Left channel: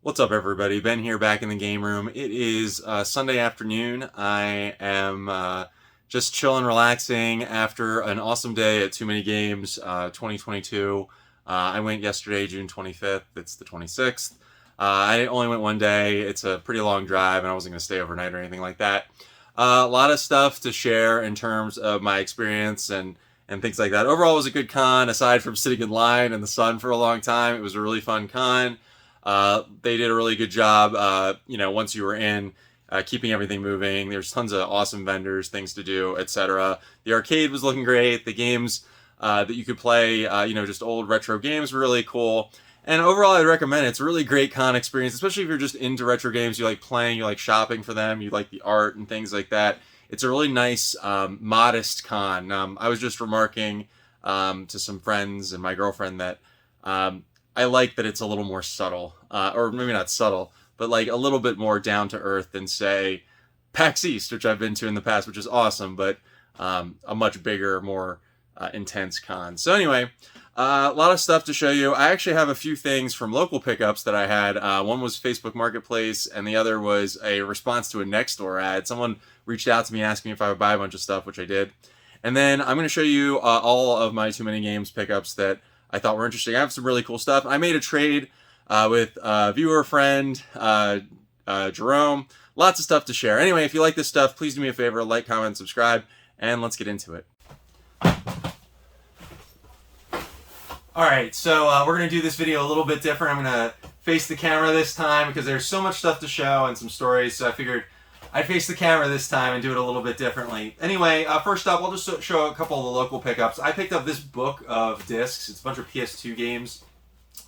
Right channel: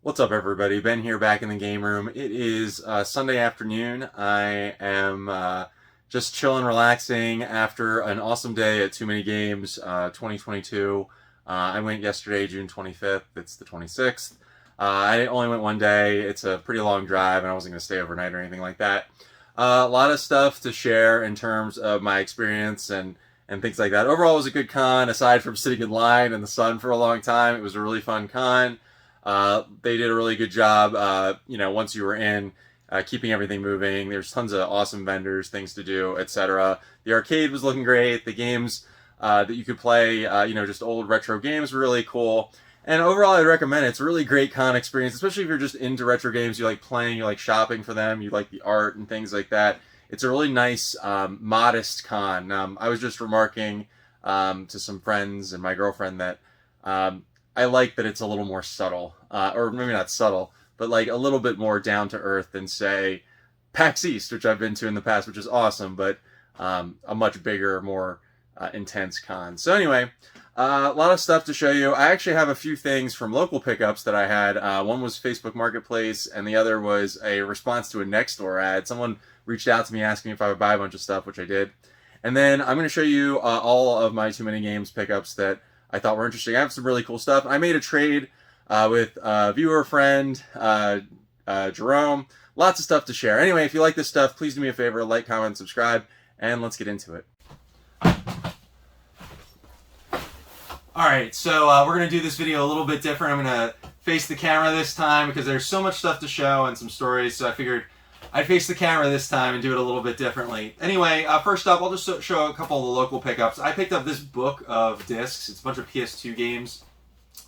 What's up, everybody? Ben here, back in the game room. It is Sunday afternoon. I am just chilling, relaxing after an awesome day at Too Many Games 2022. I went yesterday, June 25th. It's the 26th. I only went one day. It's a pretty long drive, and I wasn't going to stay overnight or anything like that. A lot of stuff to share in terms of my experience and things like that. Overall, it was a good con. Aside from sitting in line in the sun for a long time, it was a really fun con. They did a really good job, once you were in, keeping everything moving. There's tons of awesome vendors, things to do, etc. The arcade was looking great. The games that you could play, just old retro games were really cool. And overall, I'd recommend it. It's a really great con experience, especially if you're just into retro games. You like playing, you like shopping for them, you like the art and things like that. It's a really nice, modest con. I was just remarking to some friends and my girlfriend that I like that it's a little more subtle, or maybe not subtle, but like a little bit more down to earth than, say, PAX East, which I've been to in the past, which is awesome, but a much bigger, more intense con. So anyway, a lot of stuff to show you. I actually have a few things from local pickups that I had. One was Facebook Marketplace, and the other was a response to a Nextdoor ad. Someone reached out to me asking if I would buy a bunch of stuff, which I did. And then I'm going to show you all of my Too Many Games pickups that I thought were interesting. I have some really cool stuff. I made a trade with a viewer friend, Jerome. Lots of stuff to share. Anyway, if you like this stuff, please do me a favor, like, comment, subscribe, and let's get into it. Alright, so we're going to do this video a little bit different. I'm going to face the camera this time because there's so much stuff to show and some stories, so I figured I'd face the camera this time and do it a little bit differently. Anyway, first up, I'll just show a couple of the local pickups. I picked up this book of discs. It's a bunch of PS2 games.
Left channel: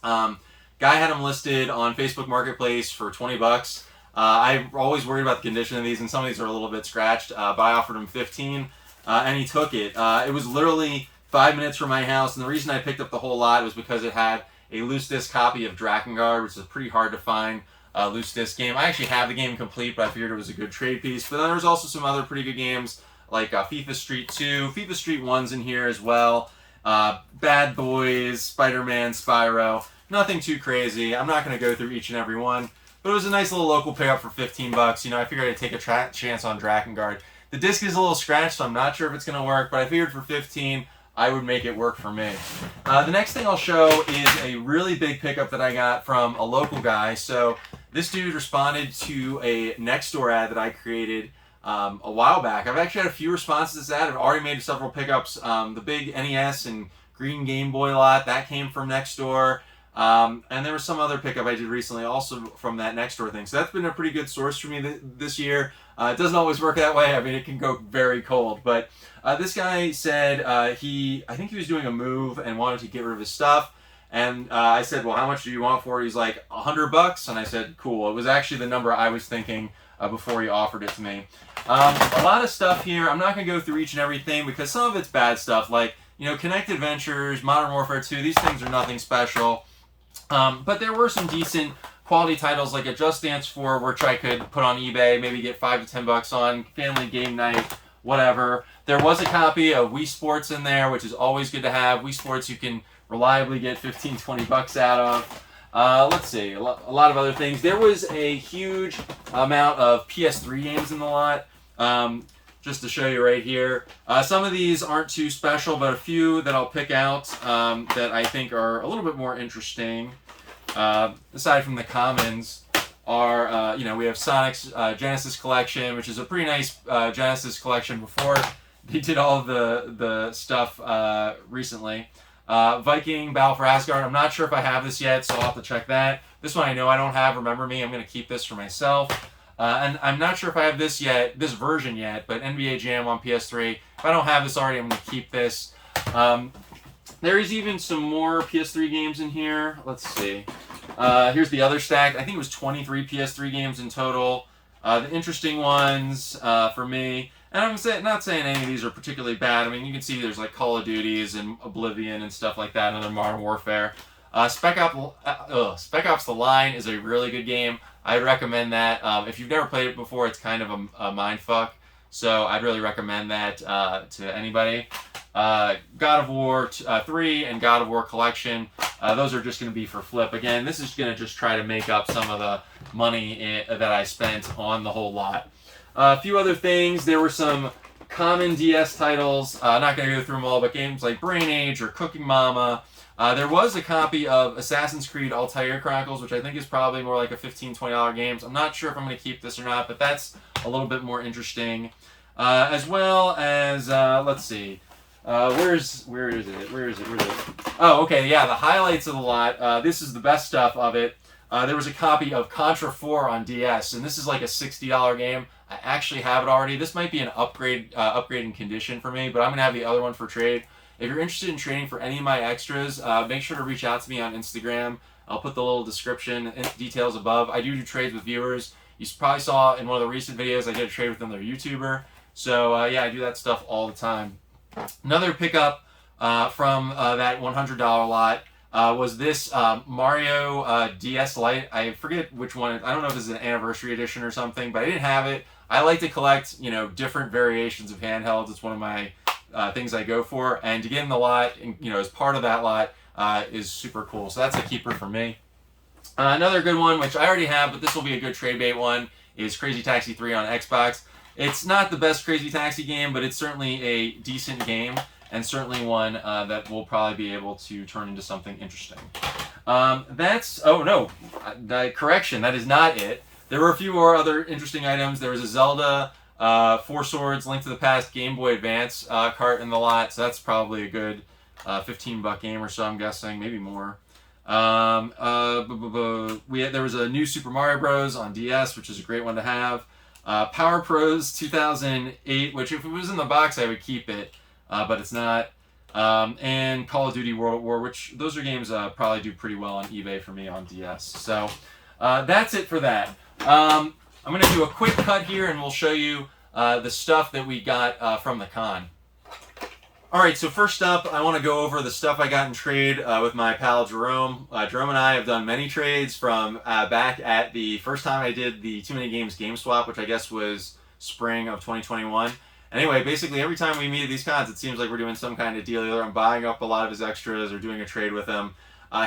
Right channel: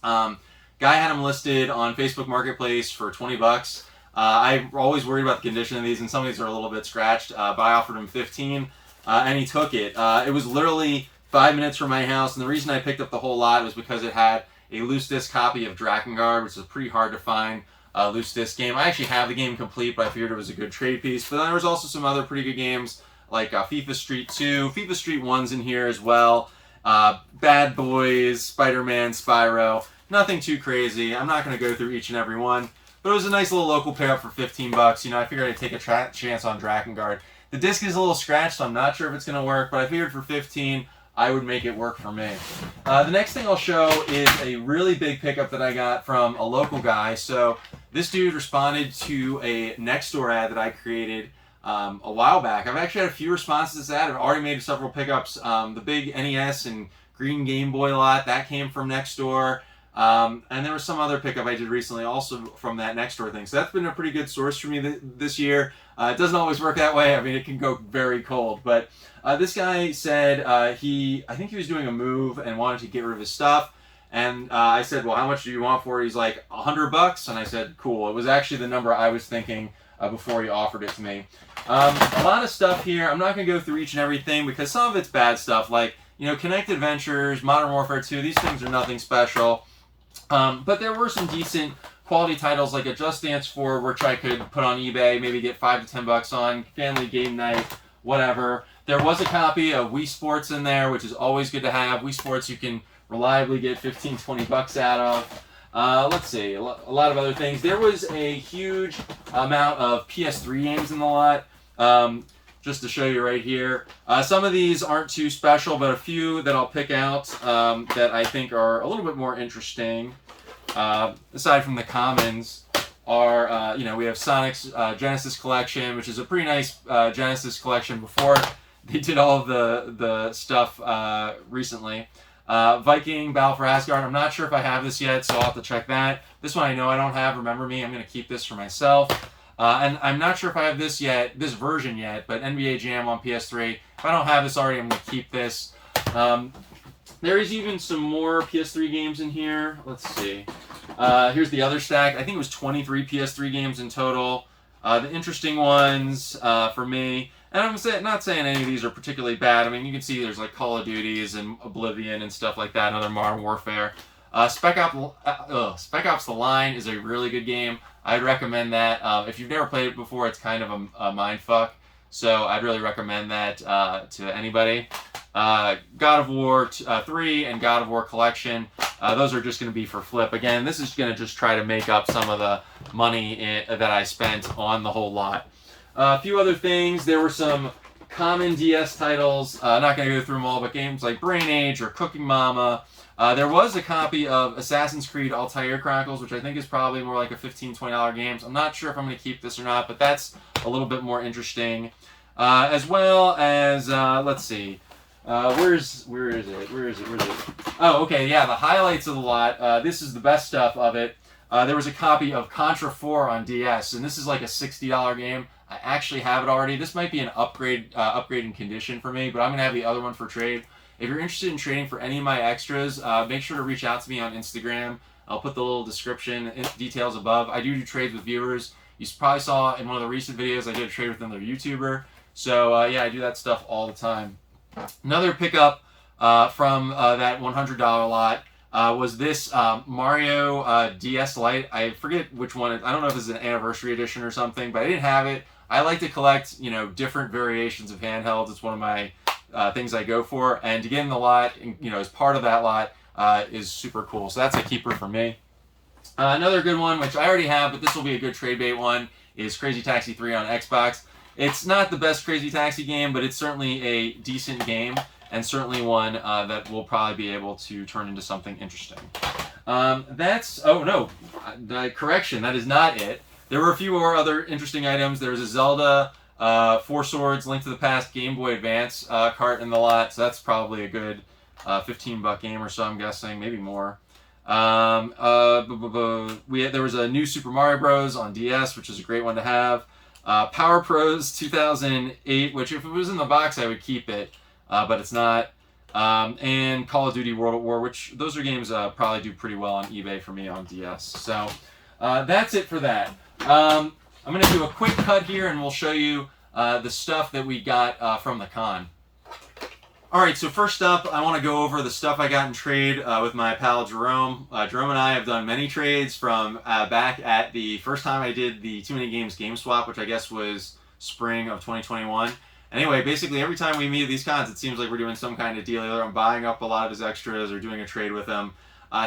Guy had them listed on Facebook Marketplace for 20 bucks. I'm always worried about the condition of these, and some of these are a little bit scratched, but I offered him 15, and he took it. It was literally 5 minutes from my house, and the reason I picked up the whole lot was because it had a loose disc copy of Drakengard, which is pretty hard to find loose disc game. I actually have the game complete, but I figured it was a good trade piece. But then there was also some other pretty good games like FIFA Street 2, FIFA Street 1's in here as well, Bad Boys, Spider-Man, Spyro. Nothing too crazy. I'm not going to go through each and every one, but it was a nice little local pickup for 15 bucks. I figured I'd take a chance on Drakengard. The disc is a little scratched, so I'm not sure if it's going to work, but I figured for 15, I would make it work for me. The next thing I'll show is a really big pickup that I got from a local guy. So this dude responded to a Nextdoor ad that I created a while back. I've actually had a few responses to that. I've already made several pickups. The big NES and green Game Boy lot, that came from Nextdoor. And there was some other pickup I did recently also from that Nextdoor thing. So that's been a pretty good source for me this year. It doesn't always work that way. I mean, it can go very cold. But this guy said I think he was doing a move and wanted to get rid of his stuff. And I said, well, how much do you want for it? He's like, 100 bucks. And I said, cool. It was actually the number I was thinking before he offered it to me. A lot of stuff here. I'm not going to go through each and everything because some of it's bad stuff. Like, Kinect Adventures, Modern Warfare 2. These things are nothing special. But there were some decent quality titles like a Just Dance 4, which I could put on eBay, maybe get 5 to 10 bucks on, family game night, whatever. There was a copy of Wii Sports in there, which is always good to have. Wii Sports you can reliably get 15, 20 bucks out of. Let's see, a lot of other things. There was a huge amount of PS3 games in the lot. Just to show you right here. Some of these aren't too special, but a few that I'll pick out that I think are a little bit more interesting, aside from the commons, are, we have Sonic's Genesis Collection, which is a pretty nice Genesis collection before they did all of the stuff recently. Viking, Battle for Asgard. I'm not sure if I have this yet, so I'll have to check that. This one I know I don't have. Remember Me. I'm going to keep this for myself. And I'm not sure if I have this version yet, but NBA Jam on PS3. If I don't have this already, I'm going to keep this. There is even some more PS3 games in here. Let's see. Here's the other stack. I think it was 23 PS3 games in total. The interesting ones for me, and I'm not saying any of these are particularly bad. I mean, you can see there's like Call of Duties and Oblivion and stuff like that, and other Modern Warfare. Spec Ops The Line is a really good game. I'd recommend that. If you've never played it before, it's kind of a mind fuck. So I'd really recommend that to anybody. God of War 3 and God of War Collection, those are just going to be for flip. Again, this is going to just try to make up some of the money that I spent on the whole lot. A few other things. There were some common DS titles. Not going to go through them all, but games like Brain Age or Cooking Mama. There was a copy of Assassin's Creed Altair Chronicles, which I think is probably more like a $15, $20 game. So I'm not sure if I'm going to keep this or not, but that's a little bit more interesting. As well as, let's see. Where is it? Oh, okay, yeah, the highlights of the lot. This is the best stuff of it. There was a copy of Contra 4 on DS, and this is like a $60 game. I actually have it already. This might be an upgrading condition for me, but I'm going to have the other one for trade. If you're interested in trading for any of my extras, make sure to reach out to me on Instagram. I'll put the little description and details above. I do trades with viewers. You probably saw in one of the recent videos I did a trade with another YouTuber. So yeah, I do that stuff all the time. Another pickup from that $100 lot was this Mario DS Lite. I forget which one. I don't know if it's an anniversary edition or something, but I didn't have it. I like to collect, different variations of handhelds. It's one of my things I go for, and to get in the lot, as part of that lot, is super cool. So that's a keeper for me. Another good one, which I already have, but this will be a good trade bait one, is Crazy Taxi 3 on Xbox. It's not the best Crazy Taxi game, but it's certainly a decent game, and certainly one that will probably be able to turn into something interesting. Correction, that is not it. There were a few more other interesting items. There was a Zelda, Four Swords, Link to the Past, Game Boy Advance cart in the lot, so that's probably a good $15 game or so, I'm guessing, maybe more. There was a new Super Mario Bros. On DS, which is a great one to have. Power Pros 2008, which if it was in the box, I would keep it, but it's not. And Call of Duty World at War, which those are games probably do pretty well on eBay for me on DS. So that's it for that. I'm going to do a quick cut here, and we'll show you the stuff that we got from the con. All right, so first up, I want to go over the stuff I got in trade with my pal Jerome. Jerome and I have done many trades from back at the first time I did the Too Many Games Game Swap, which I guess was spring of 2021. Anyway, basically every time we meet at these cons, it seems like we're doing some kind of deal. Either I'm buying up a lot of his extras or doing a trade with him.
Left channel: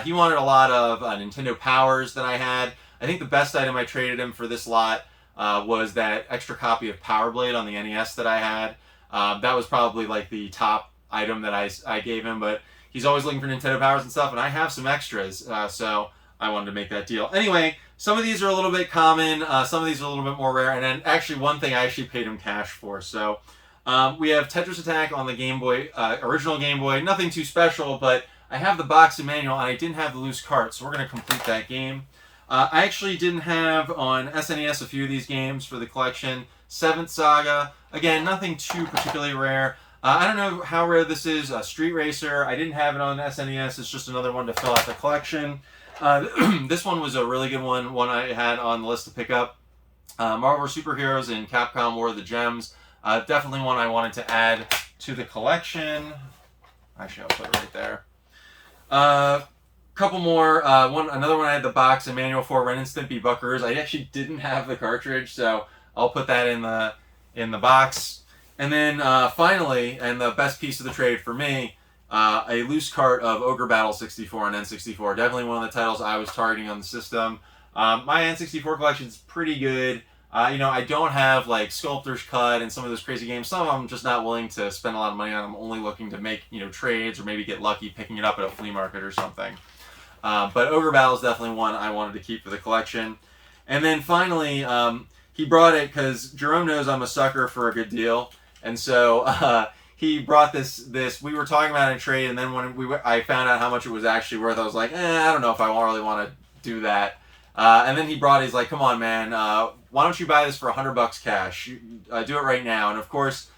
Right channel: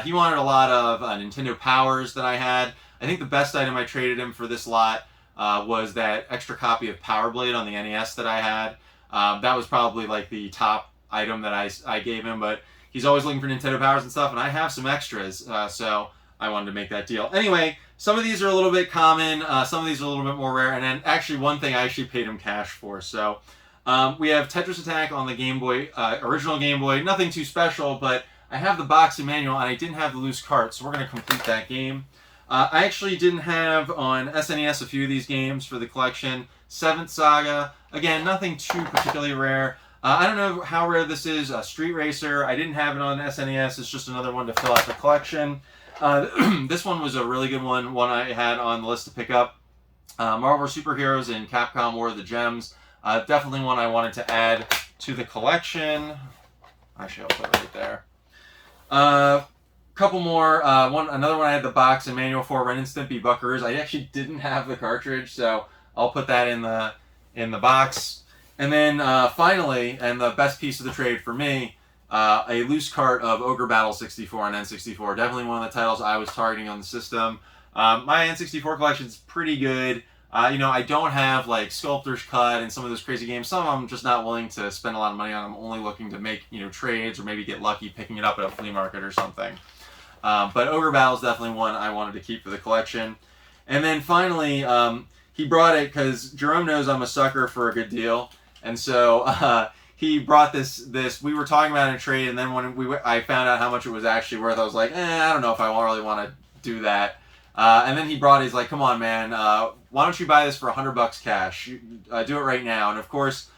He wanted a lot of Nintendo Powers that I had. I think the best item I traded him for this lot was that extra copy of Power Blade on the NES that I had. That was probably like the top item that I gave him, but he's always looking for Nintendo Powers and stuff, and I have some extras, so I wanted to make that deal. Anyway, some of these are a little bit common, some of these are a little bit more rare, and then actually one thing I actually paid him cash for. So we have Tetris Attack on the Game Boy, original Game Boy, nothing too special, but I have the box and manual, and I didn't have the loose cart, so we're going to complete that game. I actually didn't have on SNES a few of these games for the collection. Seventh Saga, again, nothing too particularly rare. I don't know how rare this is. Street Racer, I didn't have it on SNES. It's just another one to fill out the collection. This one was a really good one I had on the list to pick up. Marvel Superheroes and Capcom War of the Gems. Definitely one I wanted to add to the collection. Actually, I'll put it right there. Couple more. Another one I had the box and manual for, Ren and Stimpy Buckaroos. I actually didn't have the cartridge, so I'll put that in the box. And then finally, and the best piece of the trade for me, a loose cart of Ogre Battle 64 and N64. Definitely one of the titles I was targeting on the system. My N64 collection is pretty good. I don't have like Sculptor's Cut and some of those crazy games. Some of them I'm just not willing to spend a lot of money on. I'm only looking to make trades or maybe get lucky picking it up at a flea market or something. But Ogre Battle is definitely one I wanted to keep for the collection. And then finally, he brought it because Jerome knows I'm a sucker for a good deal. And so he brought this. We were talking about it in trade, and then when I found out how much it was actually worth, I was like, I don't know if I really want to do that. And then he brought it. He's like, come on, man, why don't you buy this for $100 cash? Do it right now. And of course,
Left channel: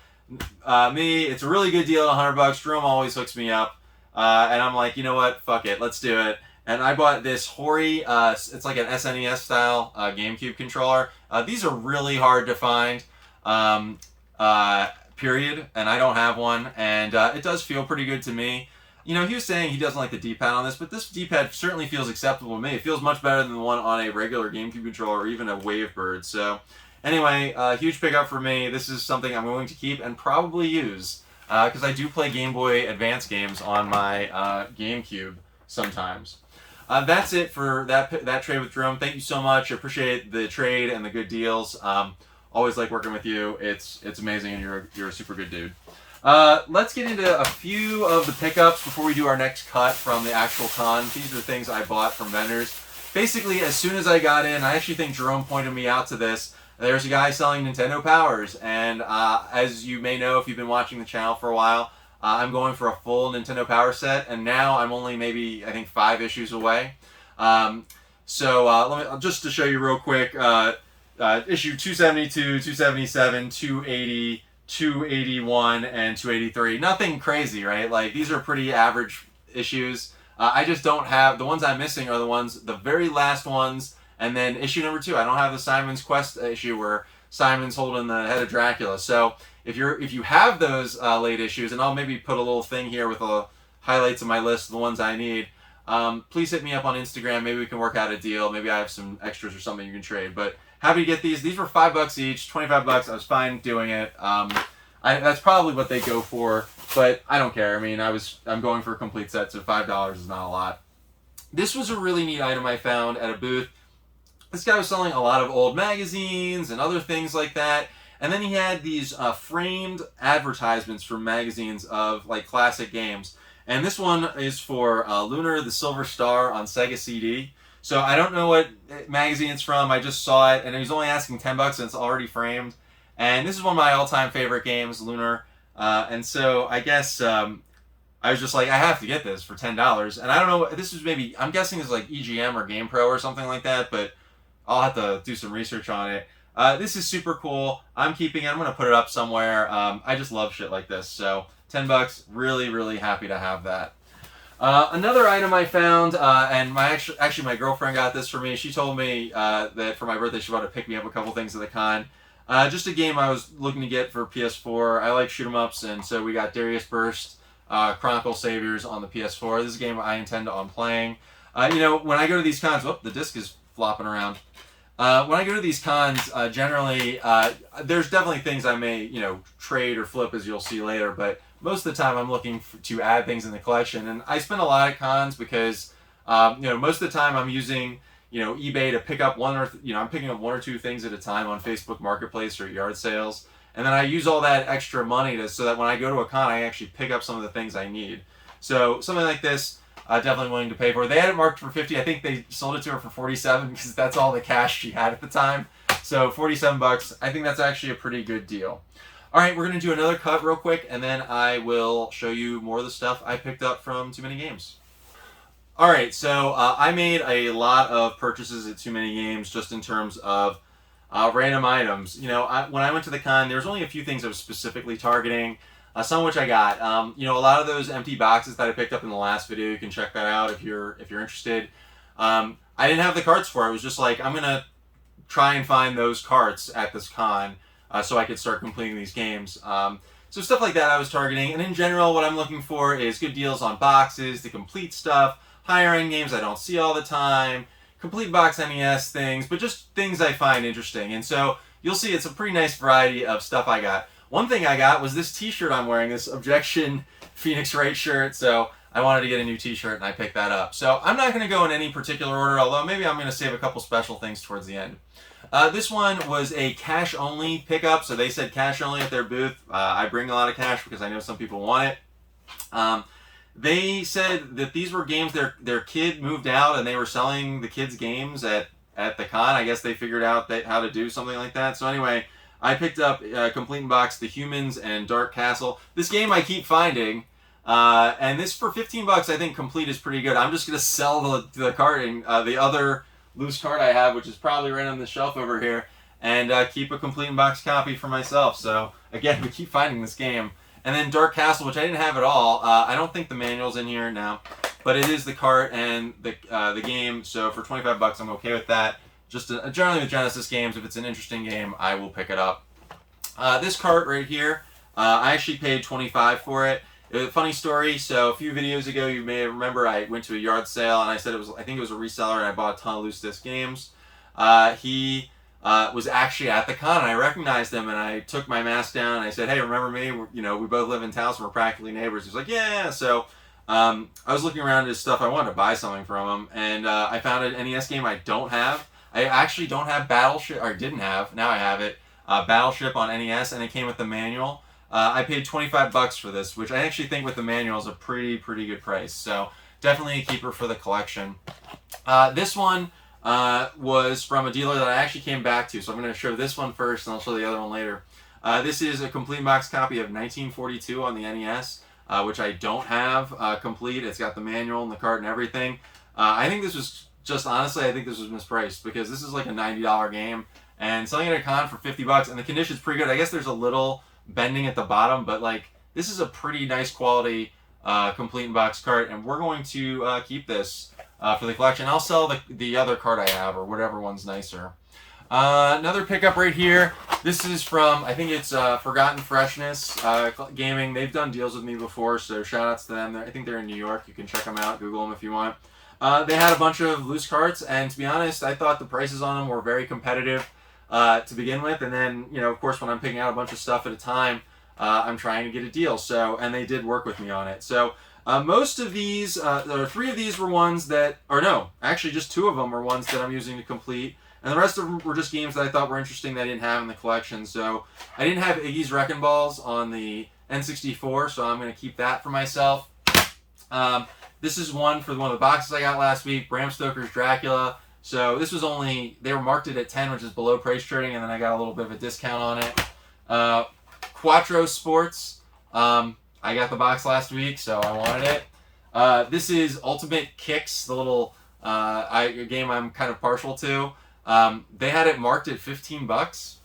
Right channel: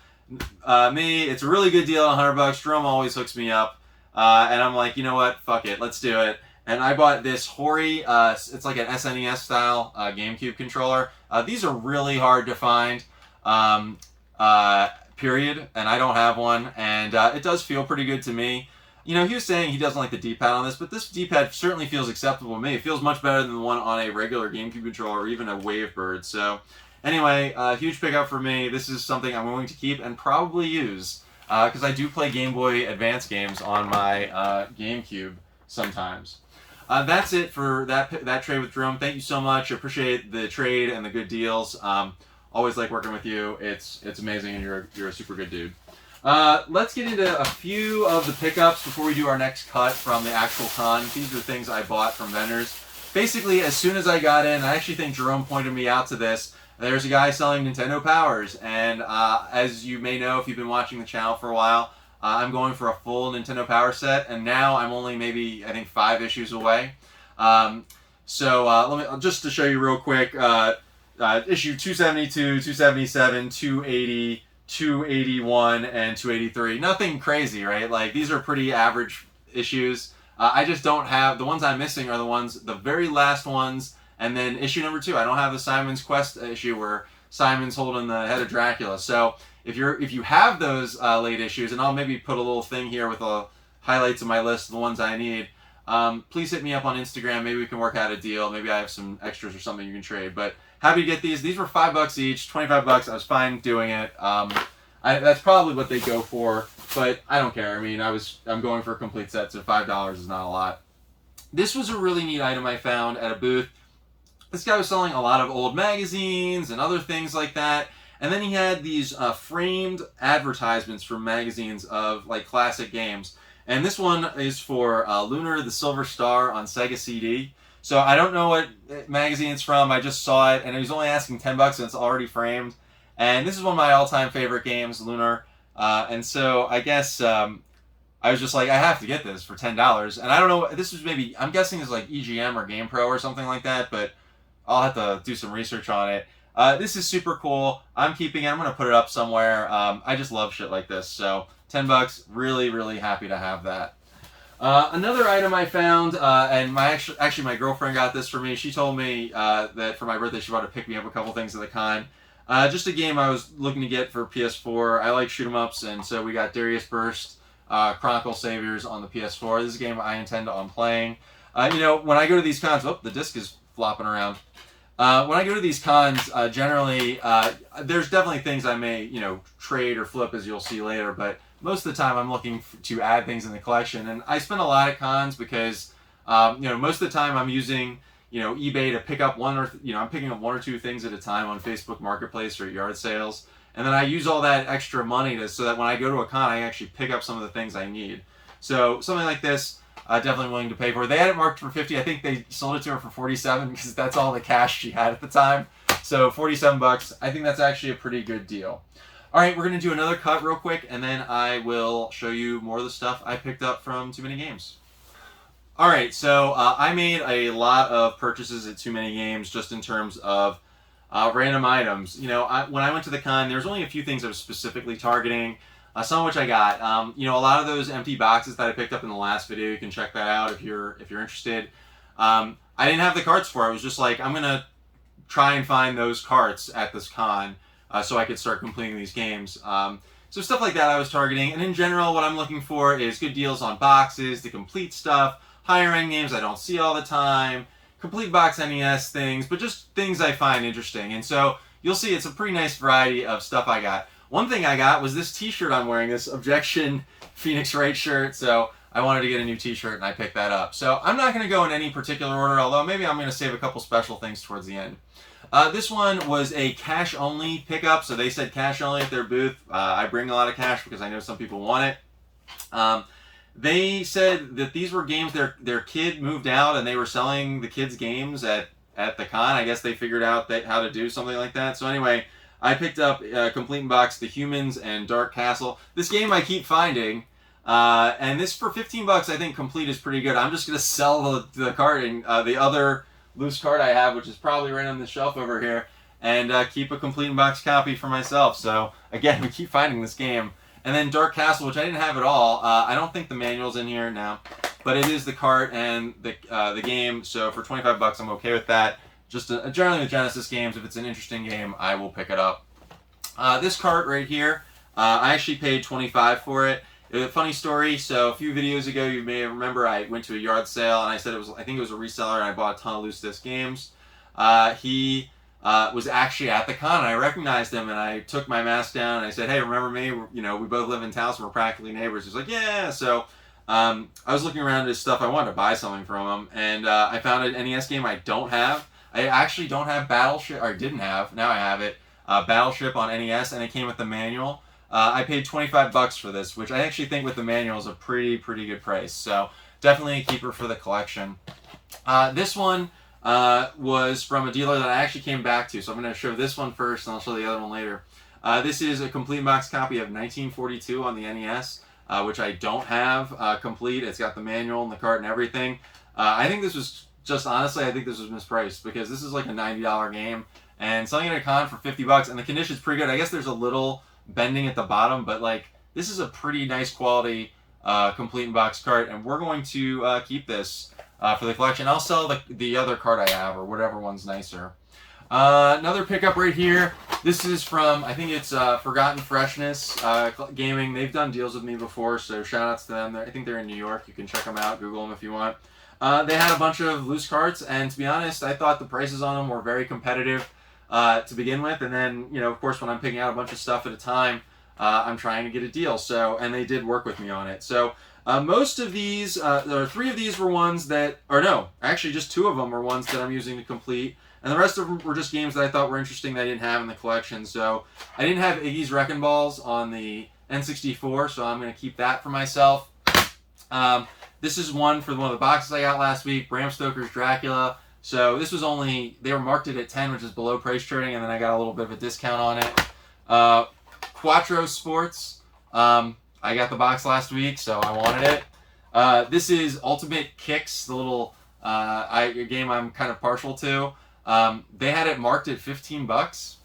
it's a really good deal at $100. Jerome always hooks me up, and I'm like, you know what? Fuck it, let's do it. And I bought this Hori. It's like an SNES style GameCube controller. These are really hard to find. Period, and I don't have one, and it does feel pretty good to me. He was saying he doesn't like the D-pad on this, but this D-pad certainly feels acceptable to me. It feels much better than the one on a regular GameCube controller or even a Wavebird. So Anyway, huge pickup for me. This is something I'm going to keep and probably use because I do play Game Boy Advance games on my GameCube sometimes. That's it for that trade with Jerome. Thank you so much. I appreciate the trade and the good deals. Always like working with you. It's amazing, and you're a super good dude. Let's get into a few of the pickups before we do our next cut from the actual con. These are things I bought from vendors. Basically, as soon as I got in, I actually think Jerome pointed me out to this. There's a guy selling Nintendo Powers, and as you may know if you've been watching the channel for a while, I'm going for a full Nintendo Power set, and now I'm only maybe, I think, 5 issues away. Let me just to show you real quick, issue 272, 277, 280, 281, and 283. Nothing crazy, right? Like, these are pretty average issues. I just don't have, the ones I'm missing are the very last ones, and then issue number 2. I don't have the Simon's Quest issue where Simon's holding the head of Dracula. So if you have those late issues, and I'll maybe put a little thing here with highlights of my list, the ones I need, please hit me up on Instagram. Maybe we can work out a deal. Maybe I have some extras or something you can trade. But happy to get these. These were $5 each, $25. I was fine doing it. That's probably what they go for, but I don't care. I mean, I'm going for a complete set, so $5 is not a lot. This was a really neat item I found at a booth. This guy was selling a lot of old magazines and other things like that. And then he had these framed advertisements from magazines of like classic games. And this one is for Lunar the Silver Star on Sega CD. So I don't know what magazine it's from. I just saw it, and he was only asking $10, and it's already framed. And this is one of my all-time favorite games, Lunar. And so I guess I was just like, I have to get this for $10. And I don't know, this was maybe, I'm guessing it's like EGM or GamePro or something like that, but I'll have to do some research on it. This is super cool. I'm keeping it. I'm going to put it up somewhere. I just love shit like this. So $10, really, really happy to have that. Another item I found, and actually my girlfriend got this for me. She told me that for my birthday she wanted to pick me up a couple things at the con. Just a game I was looking to get for PS4. I like shoot 'em ups, and so we got Darius Burst, Chronicle Saviors on the PS4. This is a game I intend on playing. When I go to these cons, the disc is flopping around. When I go to these cons, generally, there's definitely things I may, trade or flip, as you'll see later, but most of the time I'm looking to add things in the collection. And I spend a lot at cons because, most of the time I'm using, eBay to pick up I'm picking up 1 or 2 things at a time on Facebook Marketplace or yard sales. And then I use all that extra money so that when I go to a con, I actually pick up some of the things I need. So something like this, definitely willing to pay for. They had it marked for $50. I think they sold it to her for $47 because that's all the cash she had at the time. So $47. I think that's actually a pretty good deal. All right, we're going to do another cut real quick, and then I will show you more of the stuff I picked up from Too Many Games. All right, so I made a lot of purchases at Too Many Games just in terms of random items. When I went to the con, there was only a few things I was specifically targeting. Some of which I got. A lot of those empty boxes that I picked up in the last video, you can check that out if you're interested. I didn't have the carts for it. I was just like, I'm gonna try and find those carts at this con so I could start completing these games. So stuff like that I was targeting. And in general, what I'm looking for is good deals on boxes, to complete stuff, higher end games I don't see all the time, complete box NES things, but just things I find interesting. And so you'll see it's a pretty nice variety of stuff I got. One thing I got was this t-shirt I'm wearing, this Objection Phoenix Wright shirt, so I wanted to get a new t-shirt and I picked that up. So I'm not going to go in any particular order, although maybe I'm going to save a couple special things towards the end. This one was a cash-only pickup, so they said cash-only at their booth. I bring a lot of cash because I know some people want it. They said that these were games their kid moved out and they were selling the kids' games at the con. I guess they figured out how to do something like that. So anyway, I picked up complete in box The Humans and Dark Castle. This game I keep finding, and this for $15 I think complete is pretty good. I'm just gonna sell the card and the other loose card I have, which is probably right on the shelf over here, and keep a complete in box copy for myself. So again, we keep finding this game. And then Dark Castle, which I didn't have at all. I don't think the manual's in here now, but it is the cart and the game. So for $25, I'm okay with that. Just generally with Genesis games, if it's an interesting game, I will pick it up. This cart right here, I actually paid $25 for it. It was a funny story. So a few videos ago, you may remember I went to a yard sale and I said I think it was a reseller, and I bought a ton of loose disc games. He was actually at the con. And I recognized him, and I took my mask down, and I said, "Hey, remember me? We both live in Towson. We're practically neighbors." He's like, "Yeah." So I was looking around at his stuff. I wanted to buy something from him, and I found an NES game I don't have. I actually don't have Battleship, or didn't have. Now I have it. Battleship on NES, and it came with the manual. I paid $25 for this, which I actually think with the manual is a pretty good price. So definitely a keeper for the collection. This one was from a dealer that I actually came back to. So I'm going to show this one first, and I'll show the other one later. This is a complete box copy of 1942 on the NES, which I don't have complete. It's got the manual and the cart and everything. I think this was honestly, I think this was mispriced, because this is like a $90 game, and selling it at a con for $50, and the condition's pretty good. I guess there's a little bending at the bottom, but like, this is a pretty nice quality complete box cart, and we're going to keep this for the collection. I'll sell the other cart I have, or whatever one's nicer. Another pickup right here. This is from, I think it's Forgotten Freshness Gaming. They've done deals with me before, so shout outs to them. I think they're in New York. You can check them out, Google them if you want. They had a bunch of loose carts, and to be honest, I thought the prices on them were very competitive to begin with, and then, of course, when I'm picking out a bunch of stuff at a time, I'm trying to get a deal. So, and they did work with me on it. So most of these, or 3 of these were ones that, or no, actually just 2 of them were ones that I'm using to complete, and the rest of them were just games that I thought were interesting that I didn't have in the collection. So I didn't have Iggy's Wrecking Balls on the N64, so I'm going to keep that for myself. This is one for one of the boxes I got last week, Bram Stoker's Dracula. So this was they were marked it at 10, which is below price trading, and then I got a little bit of a discount on it. Quattro Sports. I got the box last week, so I wanted it. This is Ultimate Kicks, the little game I'm kind of partial to. They had it marked at $15,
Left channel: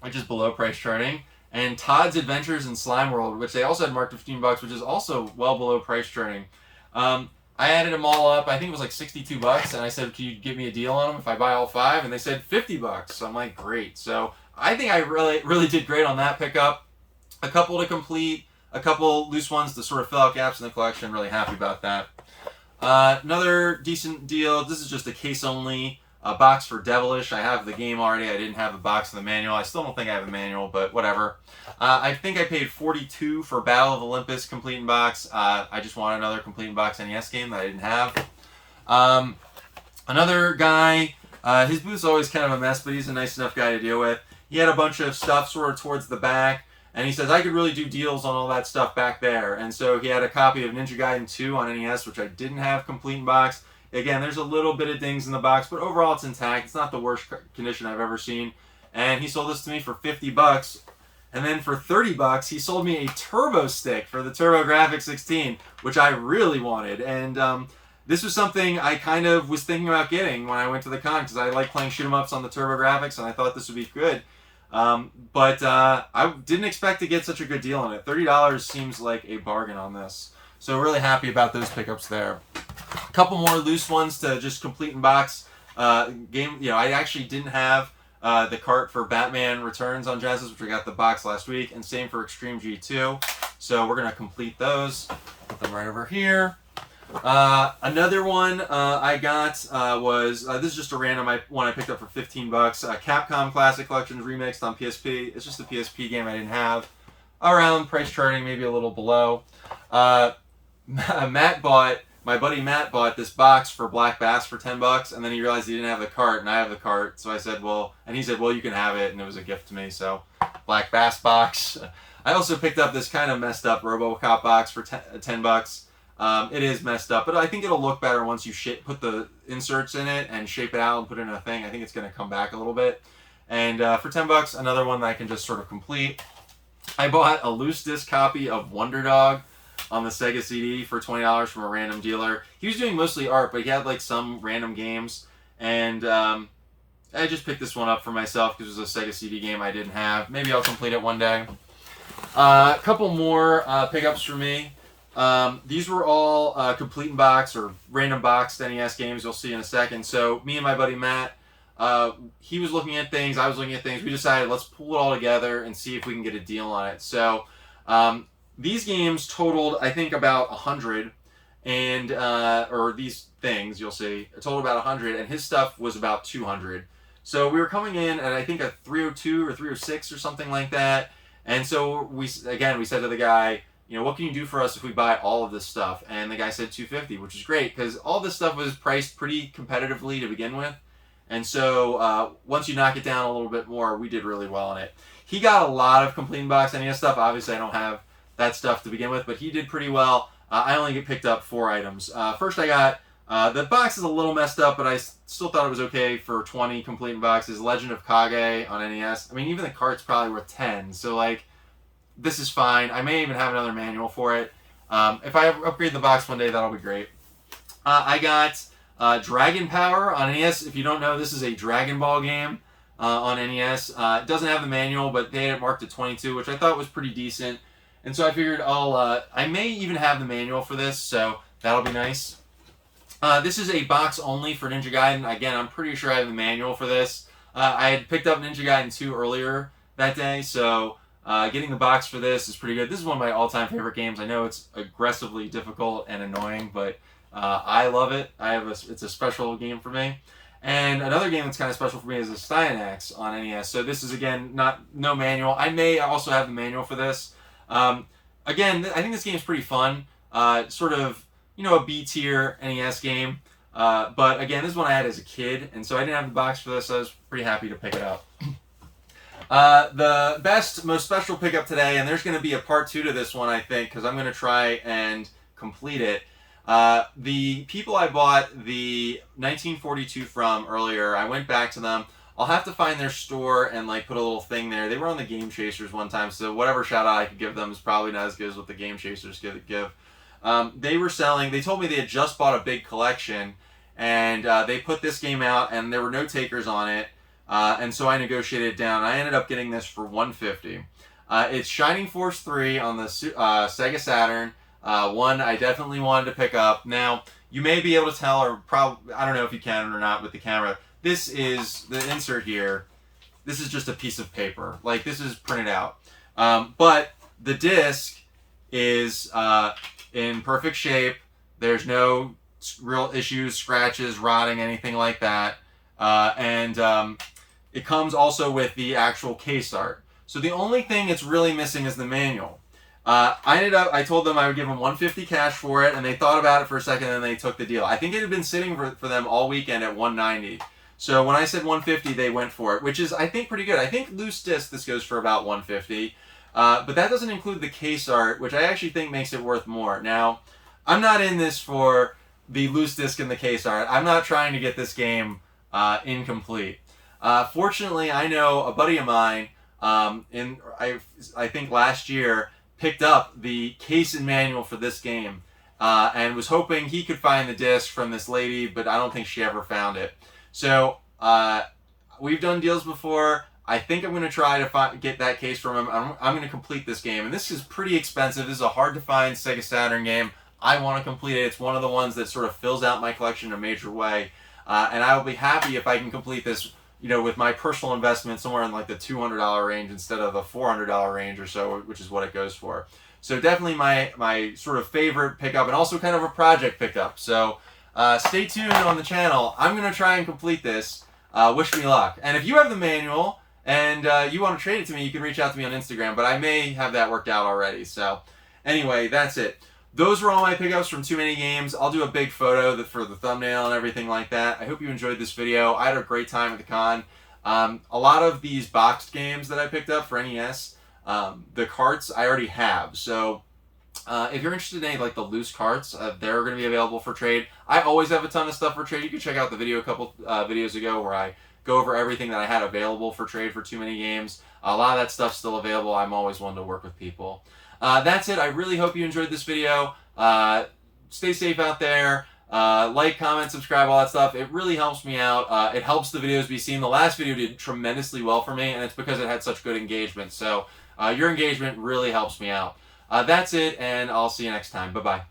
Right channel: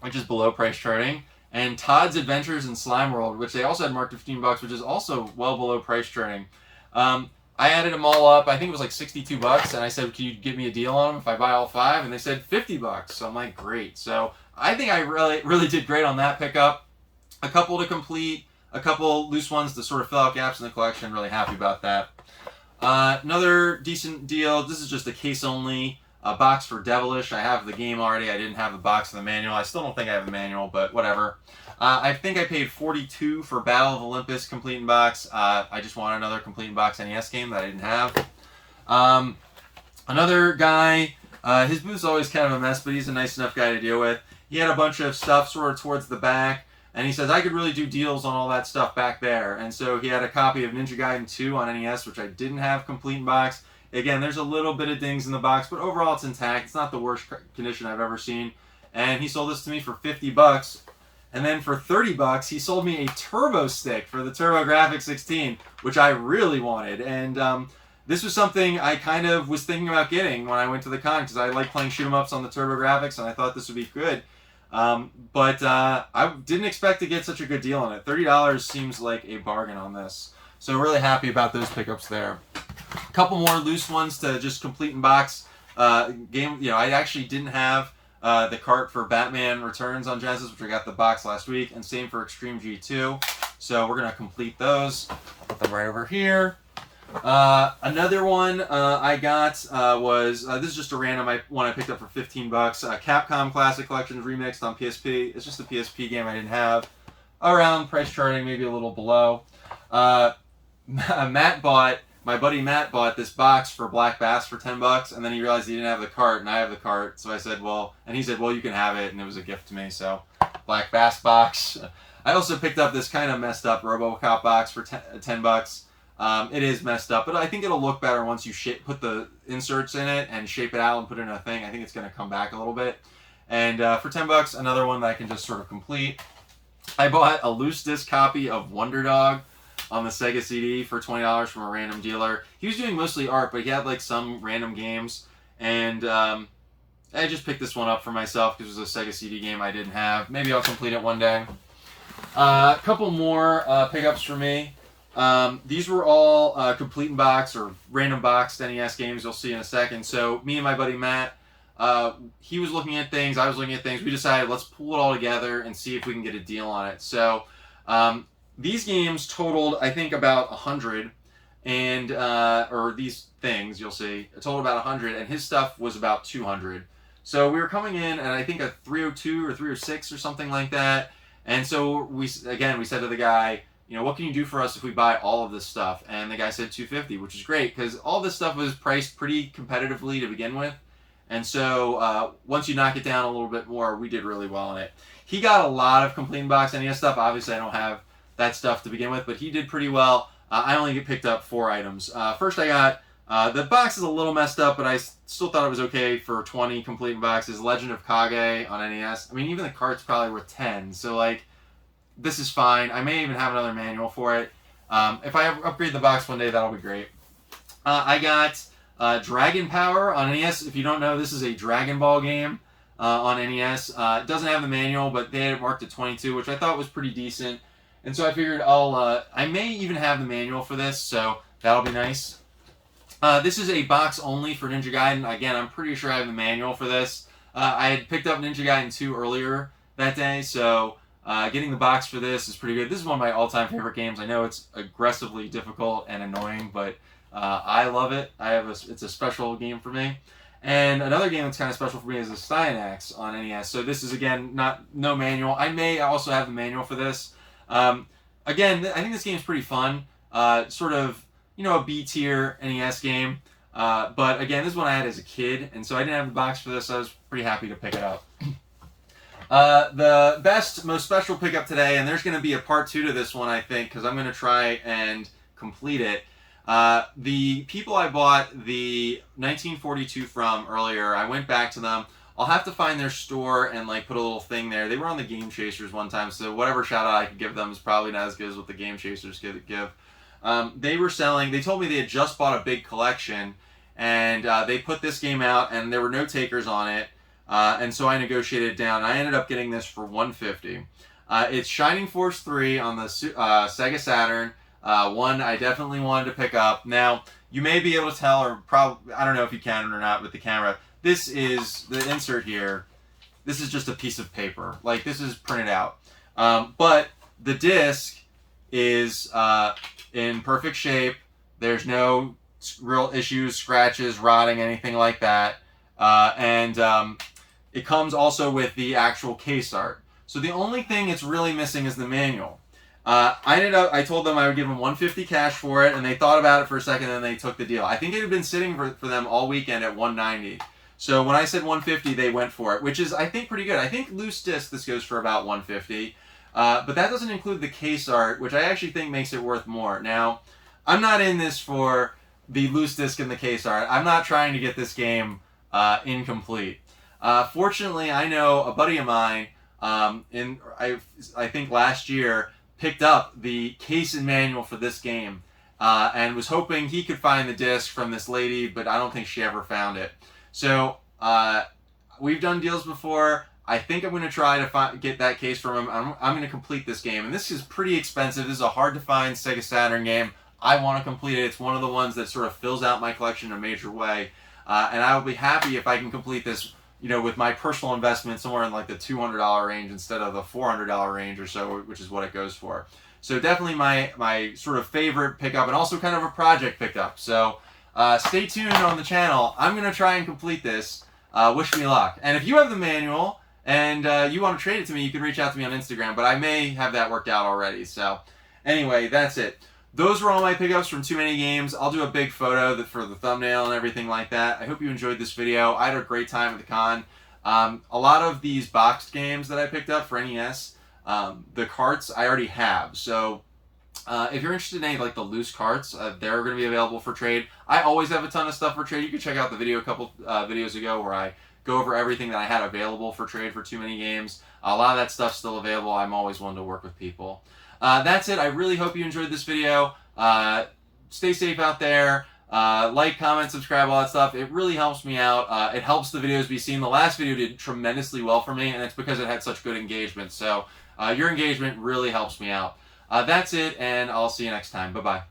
which is below price trading. And Todd's Adventures in Slime World, which they also had marked at $15, which is also well below price trading. I added them all up. I think it was like $62, and I said, "Can you give me a deal on them if I buy all 5?" And they said $50. So I'm like, great. So I think I really did great on that pickup. A couple to complete, a couple loose ones to sort of fill out gaps in the collection. Really happy about that. Another decent deal. This is just a case only box for Devilish. I have the game already. I didn't have the box of the manual. I still don't think I have a manual, but whatever. I think I paid $42 for Battle of Olympus complete in box. I just wanted another complete in box NES game that I didn't have. Another guy, his booth's always kind of a mess, but he's a nice enough guy to deal with. He had a bunch of stuff sort of towards the back, and he says I could really do deals on all that stuff back there. And so he had a copy of Ninja Gaiden 2 on NES, which I didn't have complete in box. Again, there's a little bit of dings in the box, but overall it's intact. It's not the worst condition I've ever seen. And he sold this to me for $50. And then for $30, he sold me a turbo stick for the TurboGrafx 16, which I really wanted. And this was something I kind of was thinking about getting when I went to the con, because I like playing shoot-'em-ups on the TurboGrafx, and I thought this would be good. But I didn't expect to get such a good deal on it. $30 seems like a bargain on this. So really happy about those pickups there. A couple more loose ones to just complete in box. Game, I actually didn't have the cart for Batman Returns on Genesis, which I got the box last week, and same for Extreme G2. So we're going to complete those. Put them right over here. Another one I got was, this is just a random one I picked up for $15. Capcom Classic Collections Remixed on PSP. It's just a PSP game I didn't have. Around price charting, maybe a little below. My buddy Matt bought this box for Black Bass for $10, and then he realized he didn't have the cart, and I have the cart. So I said, and he said, well, you can have it, and it was a gift to me. So Black Bass box. I also picked up this kind of messed up RoboCop box for $10. It is messed up, but I think it'll look better once you put the inserts in it and shape it out and put it in a thing. I think it's going to come back a little bit. And for $10, another one that I can just sort of complete. I bought a loose disc copy of Wonder Dog on the Sega CD for $20 from a random dealer. He was doing mostly art, but he had like some random games. And I just picked this one up for myself because it was a Sega CD game I didn't have. Maybe I'll complete it one day. A couple more pickups for me. These were all complete in box or random boxed NES games you'll see in a second. So me and my buddy Matt, he was looking at things, I was looking at things. We decided let's pull it all together and see if we can get a deal on it. So these games totaled, I think, about 100, or these things you'll see, it totaled about 100, and his stuff was about 200. So we were coming in at I think a 302 or 306 or something like that. And so we said to the guy, what can you do for us if we buy all of this stuff? And the guy said 250, which is great because all this stuff was priced pretty competitively to begin with. And so once you knock it down a little bit more, we did really well on it. He got a lot of Complete Box NES stuff. Obviously, I don't have that stuff to begin with, but he did pretty well. I only picked up 4 items. First, I got the box is a little messed up, but I still thought it was okay for 20 Complete Boxes. Legend of Kage on NES. I mean, even the cart's probably worth 10. So like, this is fine. I may even have another manual for it. If I upgrade the box one day, that'll be great. I got Dragon Power on NES. If you don't know, this is a Dragon Ball game on NES. It doesn't have the manual, but they had it marked at 22, which I thought was pretty decent. And so I figured I may even have the manual for this, so that'll be nice. This is a box only for Ninja Gaiden. Again, I'm pretty sure I have the manual for this. I had picked up Ninja Gaiden 2 earlier that day, so getting the box for this is pretty good. This is one of my all-time favorite games. I know it's aggressively difficult and annoying, but I love it. It's a special game for me. And another game that's kind of special for me is the Cyanax on NES. So this is, again, no manual. I may also have the manual for this. Again, I think this game is pretty fun. Sort of, a B-tier NES game. But again, this is one I had as a kid, and so I didn't have the box for this, so I was pretty happy to pick it up. The most special pickup today, and there's going to be a part 2 to this one, I think, because I'm going to try and complete it. The people I bought the 1942 from earlier, I went back to them. I'll have to find their store and put a little thing there. They were on the Game Chasers one time, so whatever shout out I could give them is probably not as good as what the Game Chasers give. They were selling, they told me they had just bought a big collection, and they put this game out, and there were no takers on it, and so I negotiated it down. I ended up getting this for $150. It's Shining Force 3 on the Sega Saturn. One I definitely wanted to pick up. Now, you may be able to tell, or probably, I don't know if you can or not with the camera, this is, the insert here, this is just a piece of paper. This is printed out. But the disc is in perfect shape. There's no real issues, scratches, rotting, anything like that. And it comes also with the actual case art. So the only thing it's really missing is the manual. I told them I would give them $150 cash for it, and they thought about it for a second, and they took the deal. I think it had been sitting for them all weekend at $190. So when I said $150, they went for it, which is, I think, pretty good. I think loose disc, this goes for about $150. But that doesn't include the case art, which I actually think makes it worth more. Now, I'm not in this for the loose disc and the case art. I'm not trying to get this game incomplete. Fortunately, I know a buddy of mine, I think last year, picked up the case and manual for this game and was hoping he could find the disc from this lady, but I don't think she ever found it. So we've done deals before. I think I'm going to try to get that case from him. I'm going to complete this game, and this is pretty expensive. This is a hard-to-find Sega Saturn game. I want to complete it. It's one of the ones that sort of fills out my collection in a major way, and I will be happy if I can complete this, with my personal investment somewhere in the $200 range instead of the $400 range or so, which is what it goes for. So definitely my sort of favorite pickup, and also kind of a project pickup. So stay tuned on the channel. I'm going to try and complete this. Wish me luck. And if you have the manual and you want to trade it to me, you can reach out to me on Instagram, but I may have that worked out already. So anyway, that's it. Those were all my pickups from Too Many Games. I'll do a big photo for the thumbnail and everything like that. I hope you enjoyed this video. I had a great time at the con. A lot of these boxed games that I picked up for NES, the carts I already have. So if you're interested in any the loose carts, they're going to be available for trade. I always have a ton of stuff for trade. You can check out the video a couple videos ago where I go over everything that I had available for trade for Too Many Games. A lot of that stuff's still available. I'm always willing to work with people. That's it. I really hope you enjoyed this video. Stay safe out there. Like, comment, subscribe, all that stuff. It really helps me out. It helps the videos be seen. The last video did tremendously well for me, and it's because it had such good engagement. So your engagement really helps me out. That's it, and I'll see you next time. Bye-bye.